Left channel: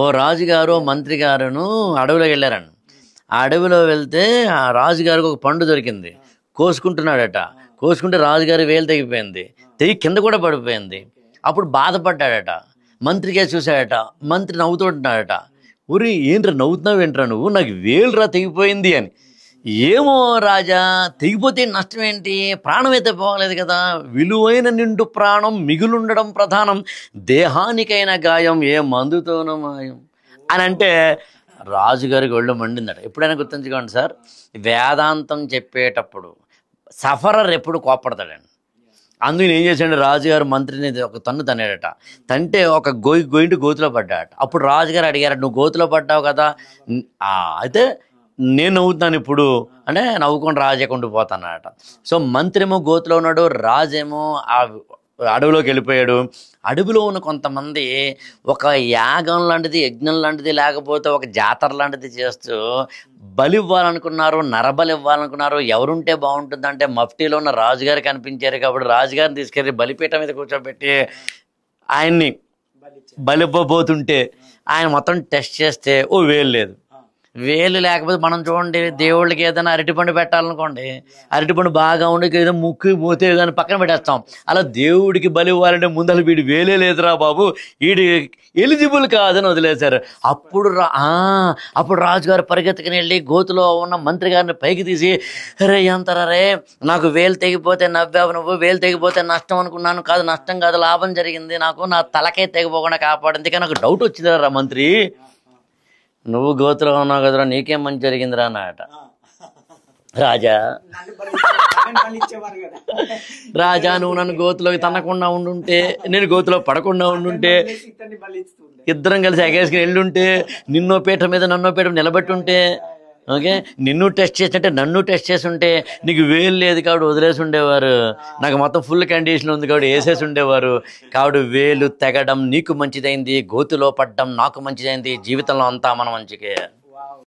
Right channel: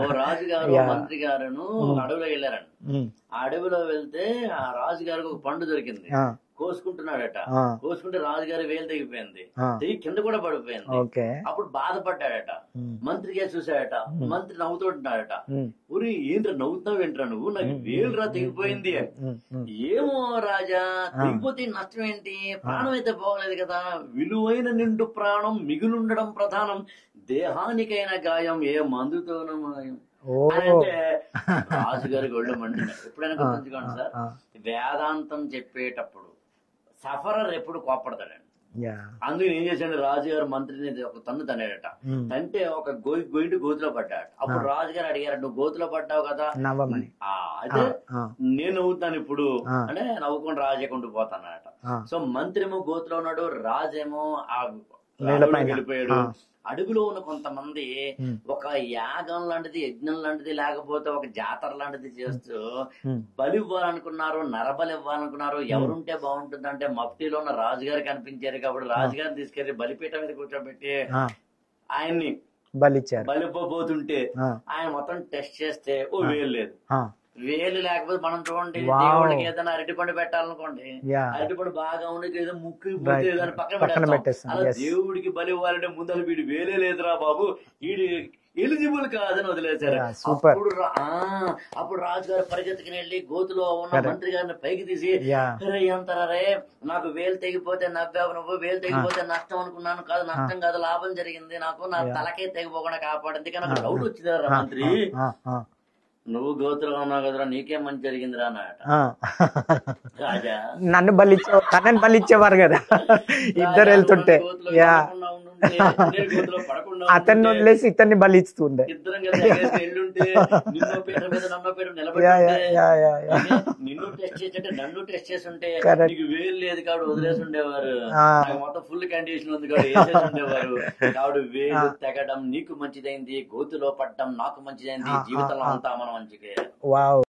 ఓ రాజుగారు మంత్రి గారును అడవిలోకి వెళ్ళారండి. ఆ అడవిలో వెళ్తే ఆ రాజుగారికి ఒక పండు దొరికింది. కోసుకుంటున్నాడట. కోసుకుంటే రాజుగారి వేలు తెగిపోయింది. తెగి కింద కూడా పడిపోయింది. అప్పుడు బాధపడ్డాడట. మంత్రికే చూశాడట. మంత్రి నవ్వుతుంటున్నాడట. ఊరి ఏంట్రా నవ్వుతున్నావు ఏంట్రా నువ్వు, నాకు వేలురా తెగిపోయింది అని. ఏమో రాజా, తెగిపోతే నష్టం ఏంటి, ప్రాణం అయితే పోలేదు కదా, విలువైన నిండు ప్రాణం మిగులుండడం ప్రధానం, దేహానికైన గాయం ఏ మందుతోనూ మాయం అని అంటే రాజుగారికి ఒళ్ళు మండిందట. ఎప్పుడైనా గుర్తుంచుకోండి సార్, వేదాంతం చెప్పేటప్పుడు సఫరర్ ఎప్పుడు కోపడతాడండి. అందుకని ఏం చేశాడు, రాజుగారు మంత్రిని ఒక తన్ను తన్నాడట. తంటే ఒక గోయింటి గోతులో పడ్డాడట. అప్పుడు రాజుగారు అడిగారు, నువ్వు గోతులో పడ్డావు కదా, అయితే నేను నవ్వుతున్నాను ఇప్పుడు అంటే నవ్వుకొని రాజేకుండా పోతానట. సో మంత్రేమో గోతులో ఉన్నాడు, రాజేమో ఆ అడవిలోకి వెళ్ళిపోయాడు. అడవిలో ఉన్న కొంతమంది ఒక యాగం లాంటిది, యజ్ఞం లాంటిది, లేకపోతే ఒక జాతర లాంటిది చేస్తూ బలి ఇవ్వాలనుకున్నారు, నరబలి ఇవ్వాలనుకున్నారు. ఎవరుంటే బాగుంటుంది అంటే మఫ్టీలో ఉన్న రాజుగారు కనిపించారు కాబట్టి రాజుగారిని తీసుకెళ్లి బలిపీఠం మీద కూర్చోబెట్టి ఆయన్ని బలిపోతుంటే ఆయన మొత్తం టెస్ట్ చేస్తే ఓ వేలు లేదు. వేలు లేకపోతే మనం చూడండి, దేవుళ్ళకి ఏదైనా అరటిపండు పెట్టాలనుకోండి, అరటిపండు బాగా ఉండి ఏదో ముక్కు పోతే దాన్ని పక్కన పెట్టేస్తాం. అలా దేవుడికి బలి ఇవ్వాలంటే ముందర వీడి వేలే లేదురా బాబు, వీడి ఎలిజిబుల్ కాదని వదిలేశారు. అప్పుడు రాజుగారు పరిగెత్తుకుని వెళ్ళి గోతులో ఉన్న మంత్రి గారిని పైకి తీసి, రే ఎంతరా రే, నాకు వేలు తెగిపోతే నవ్వావు నువ్వు, వేలు తెగిపోతే నష్టం అనుకున్నాను, కాదు నష్టం కాదు లాభం జరిగింది, నాకు నా తలకే తెగిపోకుండా కాపాడింది. కానీ నాకు డౌట్ వచ్చిందిరా మంత్రి, నువ్వు గోతులో ఉన్నావు కదరా, నీకేం మంచి జరిగిందిరా అన్నట. రాజా నన్ను బలిచ్చేవారు కదా, రాజా నువ్వు నన్ను గోతులో తనకుండా ఉండుంటే, నేను గోతులో పడకుండా ఉండుంటే, ఇతన్ని బలిస్తుండే, ఇద్దరం కలిసి ఎగేసుకుని వెళ్ళుంటే, నిన్నో పీట మీద నన్నో పీట నిలబెట్టి ఉంటే, ఓకే నిన్ను టెస్ట్ చేస్తుంటే నన్ను టెస్ట్ చేసి ఉంటే, నీకు వేలు లేదు కాబట్టి వదిలేసి ఉండేవారు, నాకు మొత్తం ఫుల్ కండిషన్ ఉంది కాబట్టి వేసేసి ఉండేవారు. కాబట్టి వేలు తెగడం నీకు మంచిదైంది, గోతులో పడ్డం నాకు మంచిదైంది, జీవితంలో అంతా మనం మంచిగా.